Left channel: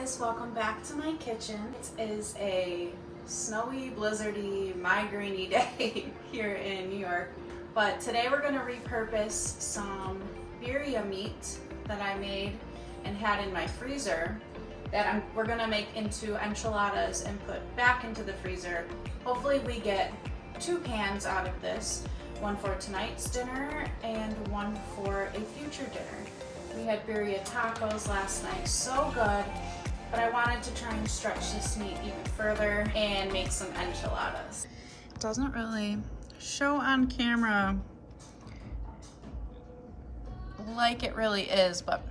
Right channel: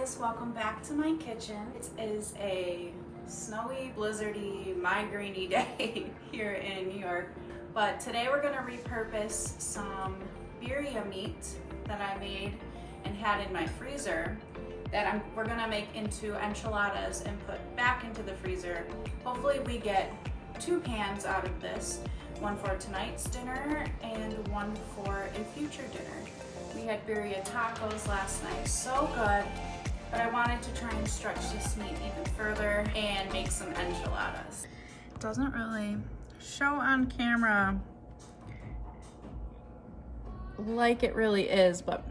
guys, welcome back to my kitchen. It is a snowy, blizzardy, migraine-y day here in New York. But today we're gonna repurpose some birria meat that I made and had in my freezer that we're gonna make into enchiladas and put back into the freezer. Hopefully we get 2 pans out of this, one for tonight's dinner and one for a future dinner. We had birria tacos last night, so good, but I wanted to try and stretch this meat even further and make some enchiladas. It doesn't really show on camera like it really is, but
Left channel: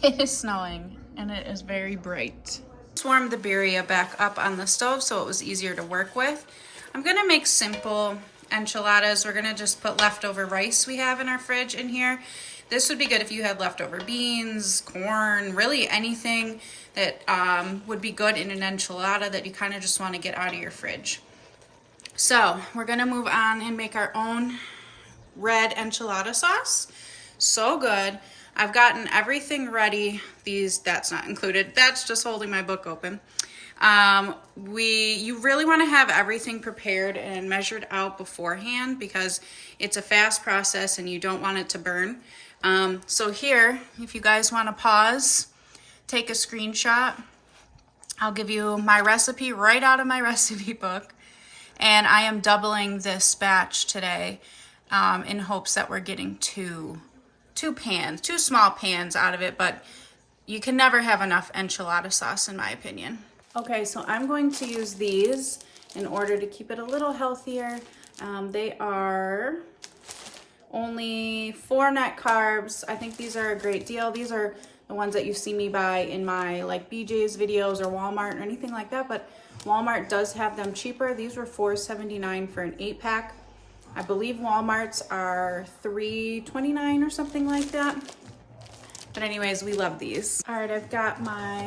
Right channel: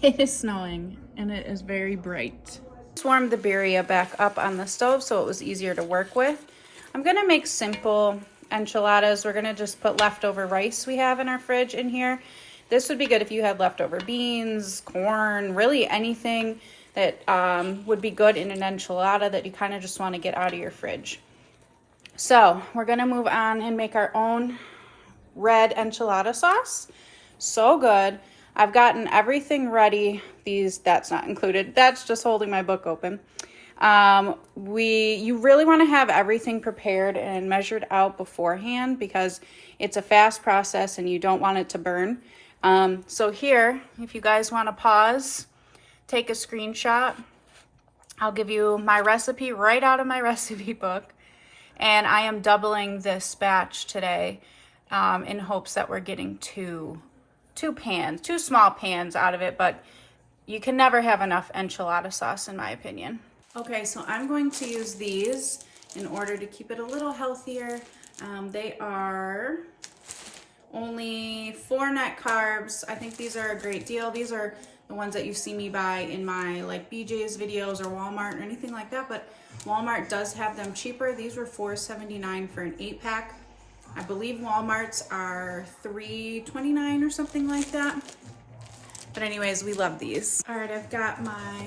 it is snowing and it is very bright. Just warmed the birria back up on the stove so it was easier to work with. I'm gonna make simple enchiladas. We're gonna just put leftover rice we have in our fridge in here. This would be good if you had leftover beans, corn, really anything that would be good in an enchilada that you kind of just want to get out of your fridge. So we're gonna move on and make our own red enchilada sauce. So good. I've gotten everything ready. That's not included. That's just holding my book open. You really want to have everything prepared and measured out beforehand because it's a fast process and you don't want it to burn. So here, if you guys want to pause, take a screenshot. I'll give you my recipe right out of my recipe book. And I am doubling this batch today in hopes that we're getting two small pans out of it, but you can never have enough enchilada sauce in my opinion. Okay, so I'm going to use these in order to keep it a little healthier. They are only 4 net carbs. I think these are a great deal. These are the ones that you see me buy in my like BJ's videos or Walmart or anything like that, but Walmart does have them cheaper. These were $4.79 for an 8-pack. I believe Walmart's are $3.29 or something like that. But anyways, we love these. All right, I've got my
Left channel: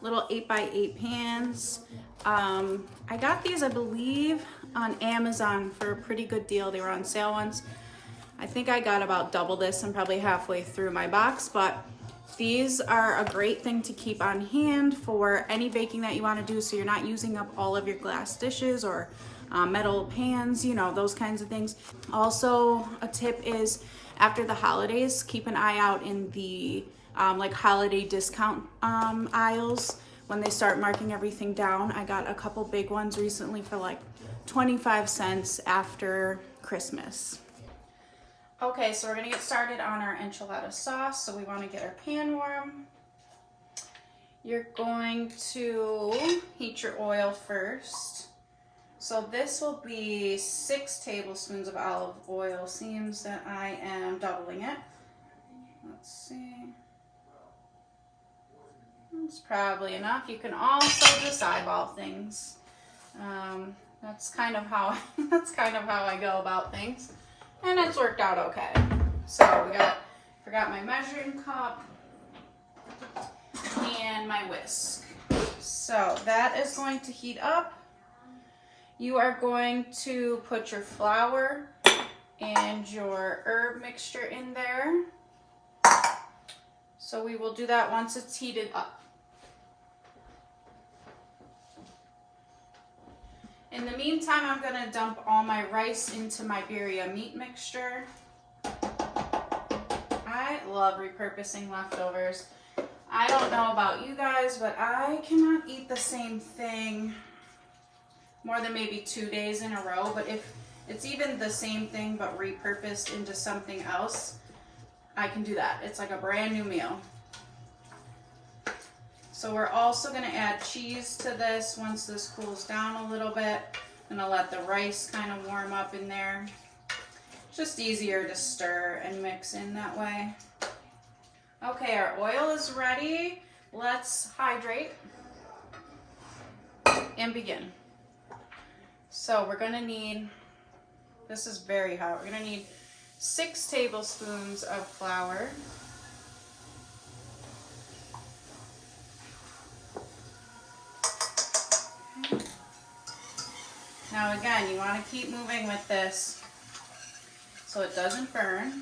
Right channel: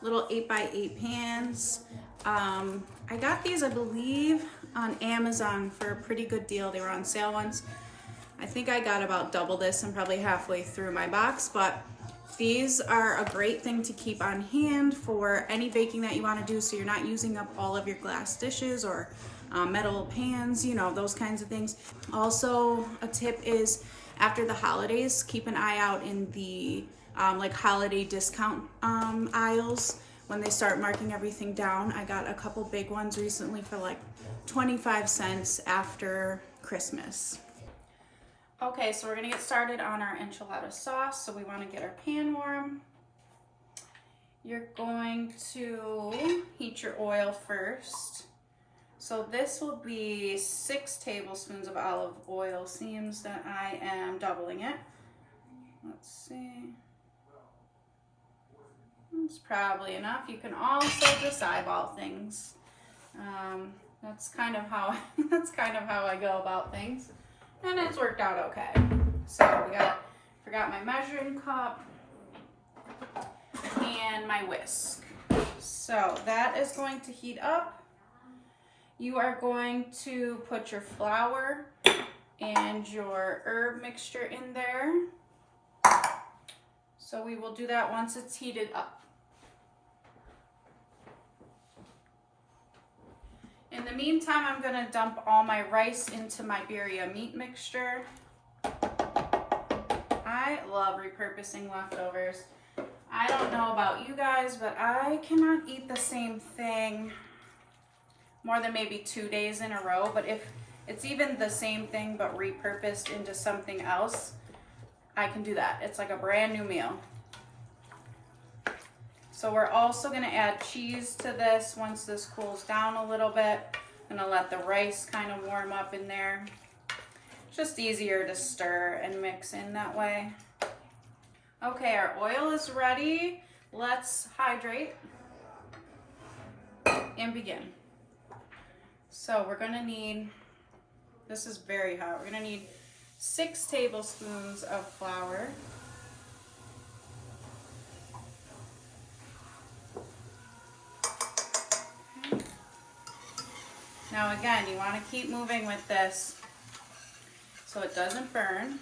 little 8x8 pans. I got these, I believe, on Amazon for a pretty good deal. They were on sale once. I think I got about double this. I'm probably halfway through my box, but these are a great thing to keep on hand for any baking that you want to do, so you're not using up all of your glass dishes or metal pans, you know, those kinds of things. Also, a tip is after the holidays, keep an eye out in the like holiday discount aisles when they start marking everything down. I got a couple big ones recently for like 25 cents after Christmas. Okay, so we're gonna get started on our enchilada sauce. So we wanna get our pan warm. You're going to heat your oil first. So this will be 6 tablespoons of olive oil. Seems that I am doubling it. Let's see. It's probably enough. You can also just eyeball things. That's kind of how I go about things. And it's worked out okay. So forgot my measuring cup and my whisk. So that is going to heat up. You are going to put your flour and your herb mixture in there. So we will do that once it's heated up. In the meantime, I'm gonna dump all my rice into my birria meat mixture. I love repurposing leftovers. I don't know about you guys, but I cannot eat the same thing more than maybe 2 days in a row. But if it's even the same thing but repurposed into something else, I can do that. It's like a brand new meal. So we're also gonna add cheese to this once this cools down a little bit. I'm gonna let the rice kind of warm up in there. Just easier to stir and mix in that way. Okay, our oil is ready. Let's hydrate and begin. So we're gonna need, this is very hot, we're gonna need 6 tablespoons of flour. Now again, you want to keep moving with this so it doesn't burn.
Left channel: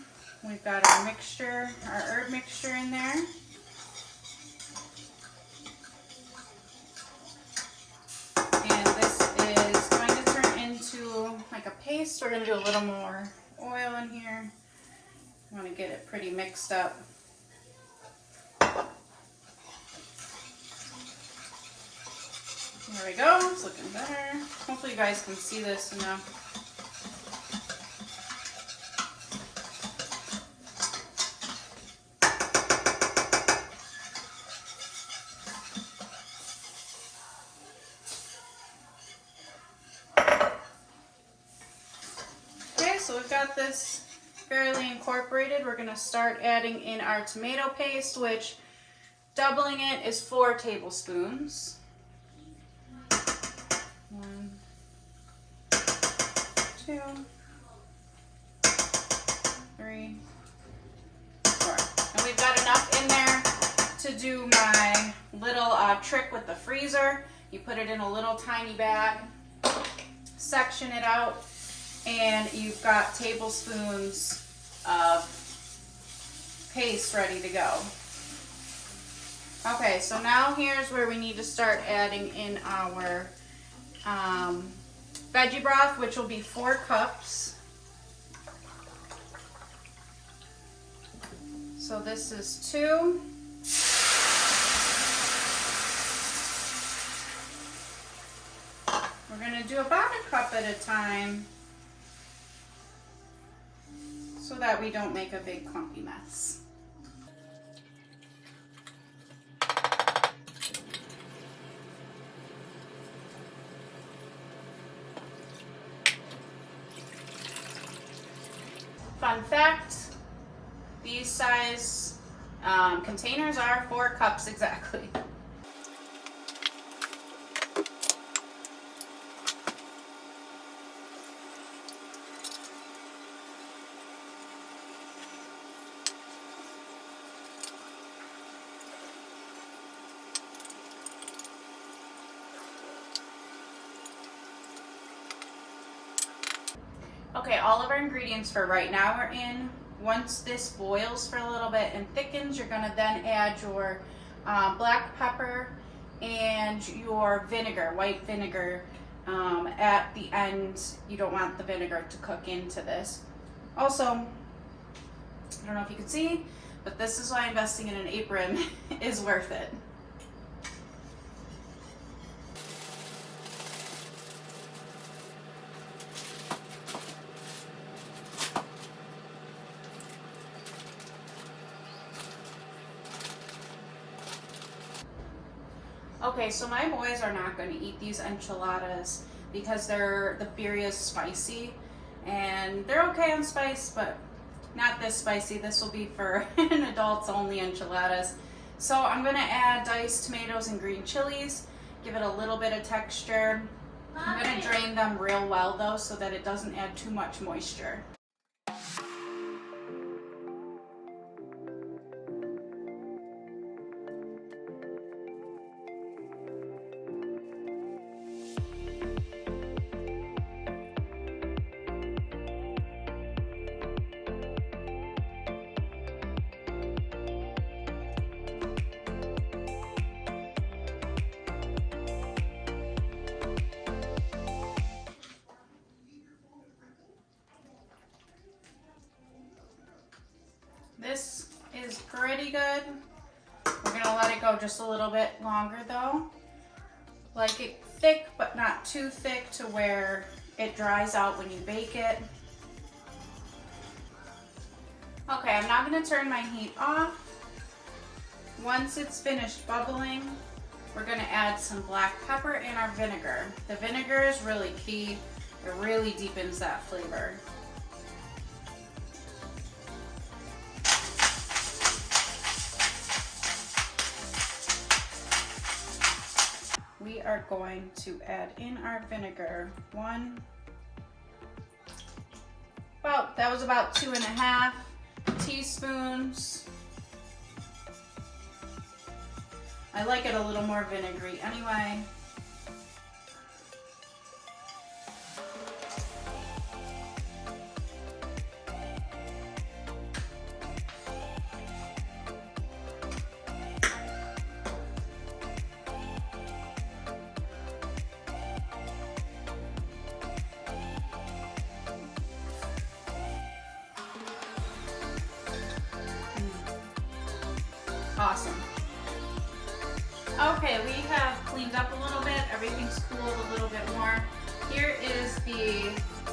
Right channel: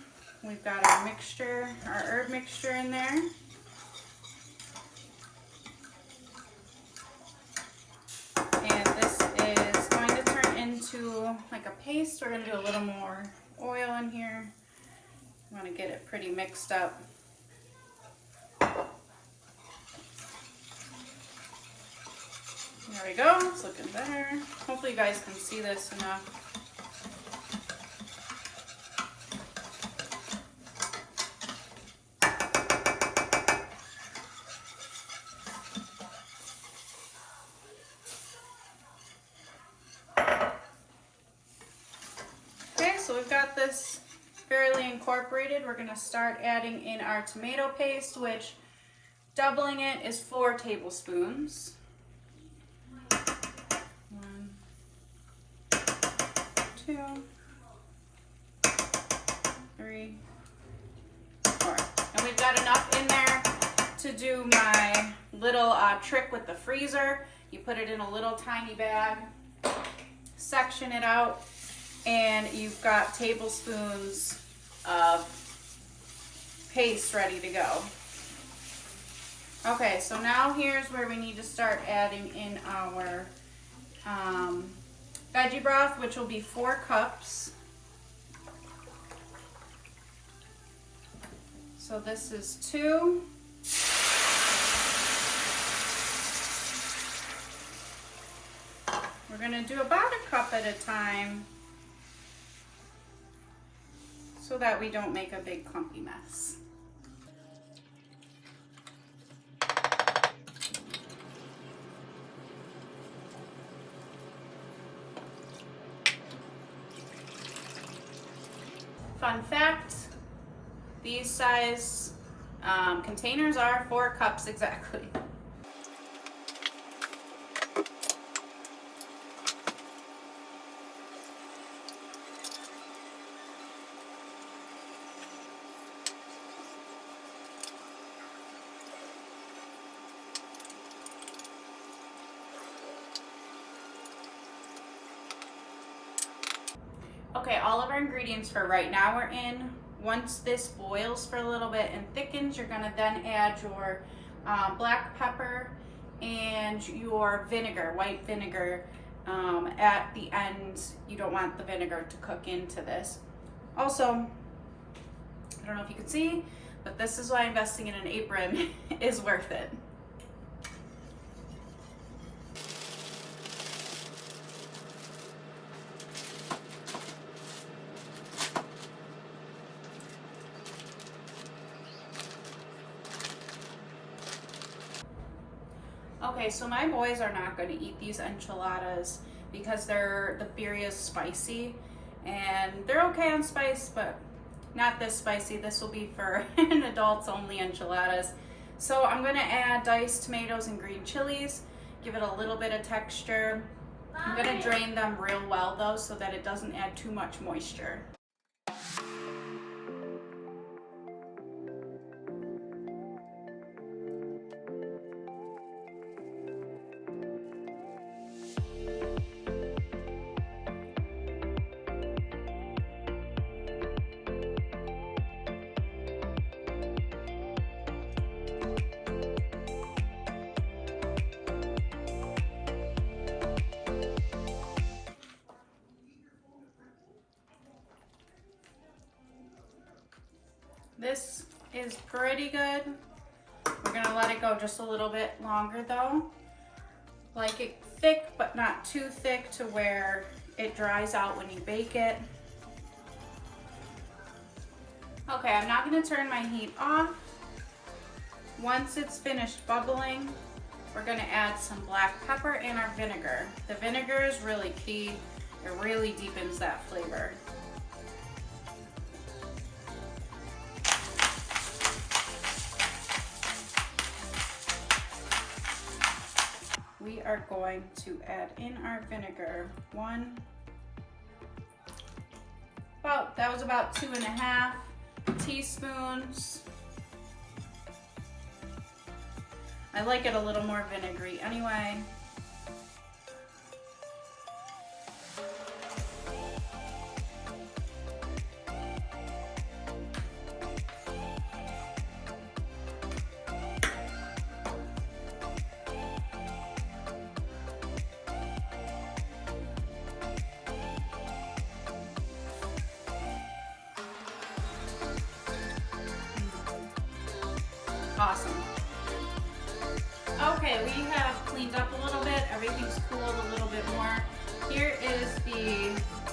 We've got our mixture, our herb mixture in there. paste. We're gonna do a little more oil in here. I want to get it pretty mixed up. There we go, it's looking better. Hopefully you guys can see this enough. Okay, so we've got this fairly incorporated. We're gonna start adding in our tomato paste, which doubling it is 4 tablespoons. 1, 2, 3, 4. And we've got enough in there to do my little trick with the freezer. You put it in a little tiny bag, section it out, and you've got tablespoons of paste ready to go. Okay, so now here's where we need to start adding in our veggie broth, which will be 4 cups. So this is 2. We're gonna do about a cup at a time so that we don't make a big clumpy mess. Fun fact, these size containers are 4 cups exactly. Okay, all of our ingredients for right now are in. Once this boils for a little bit and thickens, you're gonna then add your black pepper and your vinegar, white vinegar. At the end, you don't want the vinegar to cook into this. Also, I don't know if you can see, but this is why investing in an apron is worth it. Okay, so my boys are not going to eat these enchiladas because the birria is spicy, and they're okay on spice, but not this spicy. This will be for an adults only enchiladas. So I'm going to add diced tomatoes and green chilies, give it a little bit of texture. I'm going to drain them real well though so that it doesn't add too much moisture. This is pretty good. We're gonna let it go just a little bit longer though. Like it thick, but not too thick to where it dries out when you bake it. Okay, I'm now gonna turn my heat off. Once it's finished bubbling, we're gonna add some black pepper and our vinegar. The vinegar is really key. It really deepens that flavor. We are going to add in our vinegar. That was about 2.5 teaspoons. I like it a little more vinegary anyway. Awesome. Okay, we have cleaned up a little bit. Everything's cooled a little bit more. Here is the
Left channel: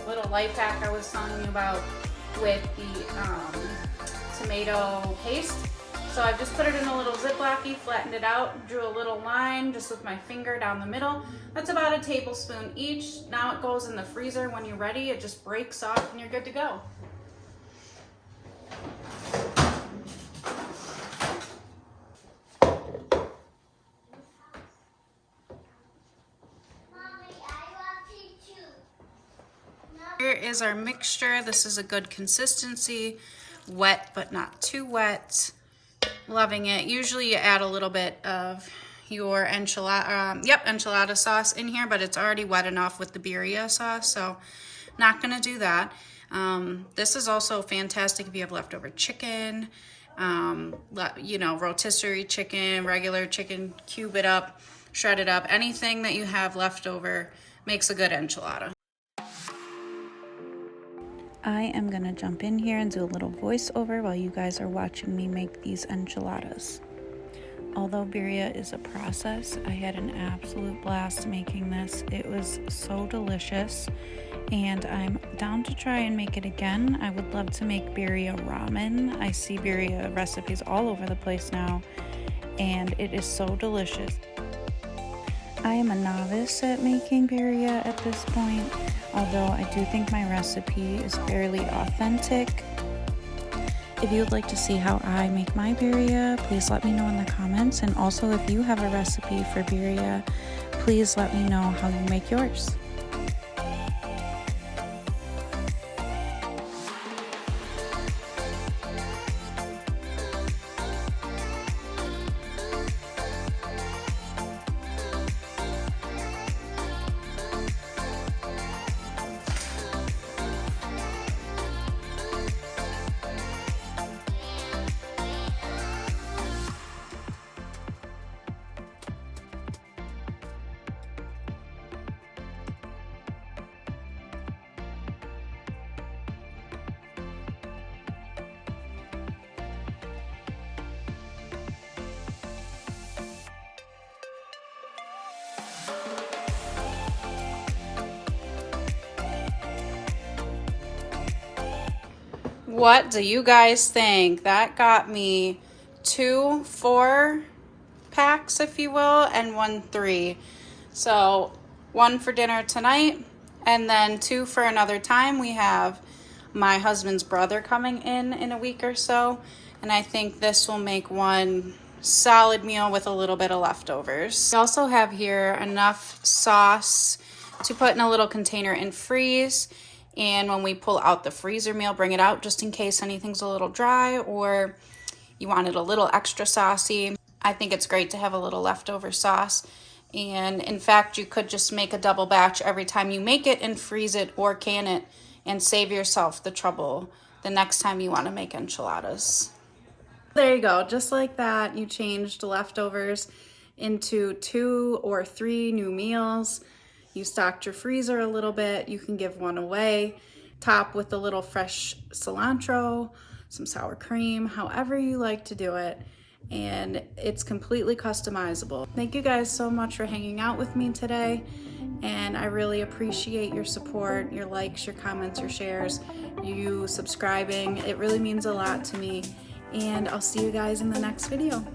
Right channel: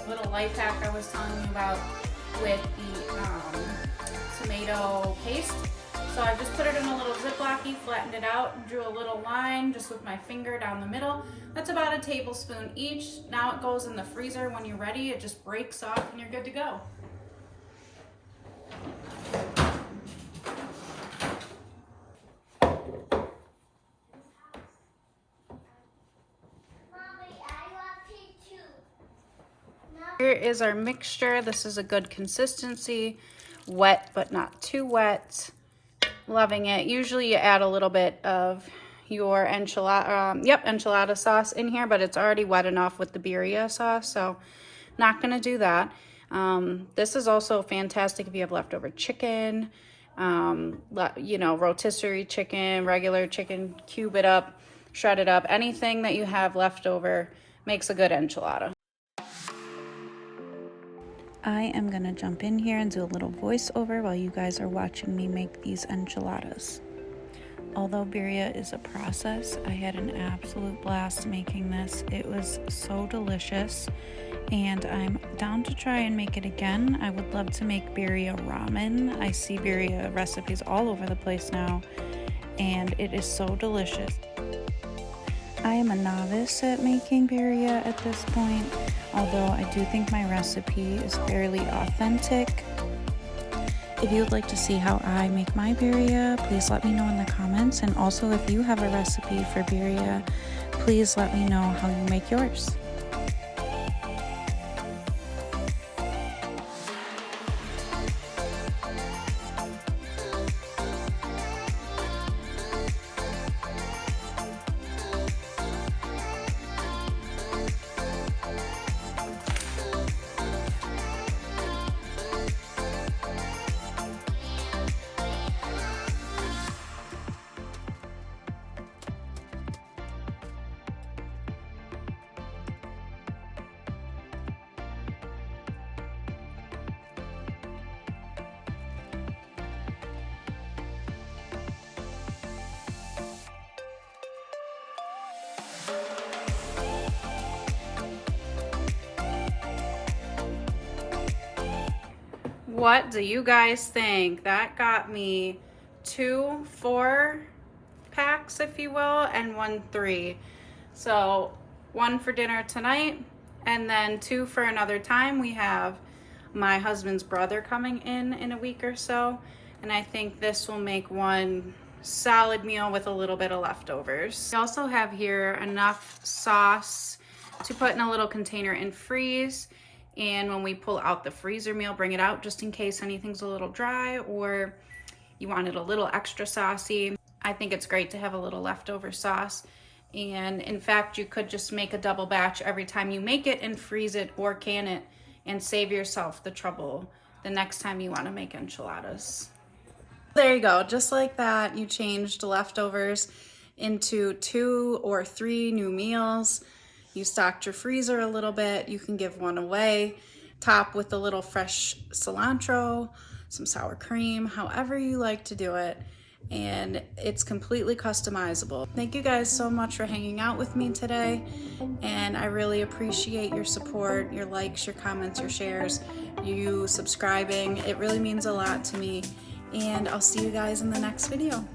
little life hack I was telling you about with the tomato paste. So I've just put it in a little Ziploc-y, flattened it out, drew a little line just with my finger down the middle. That's about a tablespoon each. Now it goes in the freezer. When you're ready, it just breaks off and you're good to go. Here is our mixture. This is a good consistency, wet but not too wet. Loving it. Usually you add a little bit of your enchilada sauce in here, but it's already wet enough with the birria sauce, so not gonna do that. This is also fantastic if you have leftover chicken, you know, rotisserie chicken, regular chicken, cube it up, shred it up. Anything that you have left over makes a good enchilada. I am going to jump in here and do a little voiceover while you guys are watching me make these enchiladas. Although birria is a process, I had an absolute blast making this. It was so delicious, and I'm down to try and make it again. I would love to make birria ramen. I see birria recipes all over the place now, and it is so delicious. I am a novice at making birria at this point, although I do think my recipe is fairly authentic. If you would like to see how I make my birria, please let me know in the comments. And also, if you have a recipe for birria, please let me know how you make yours. What do you guys think? That got me 2 4-packs, if you will, and 1 3. So 1 for dinner tonight, and then 2 for another time. We have my husband's brother coming in a week or so, and I think this will make one solid meal with a little bit of leftovers. We also have here enough sauce to put in a little container and freeze. And when we pull out the freezer meal, bring it out just in case anything's a little dry or you want it a little extra saucy. I think it's great to have a little leftover sauce. And in fact, you could just make a double batch every time you make it and freeze it or can it and save yourself the trouble the next time you want to make enchiladas. There you go. Just like that, you changed leftovers into 2 or 3 new meals. You stocked your freezer a little bit. You can give one away. Top with a little fresh cilantro, some sour cream, however you like to do it. And it's completely customizable. Thank you guys so much for hanging out with me today. And I really appreciate your support, your likes, your comments, your shares, you subscribing. It really means a lot to me. And I'll see you guys in the next video.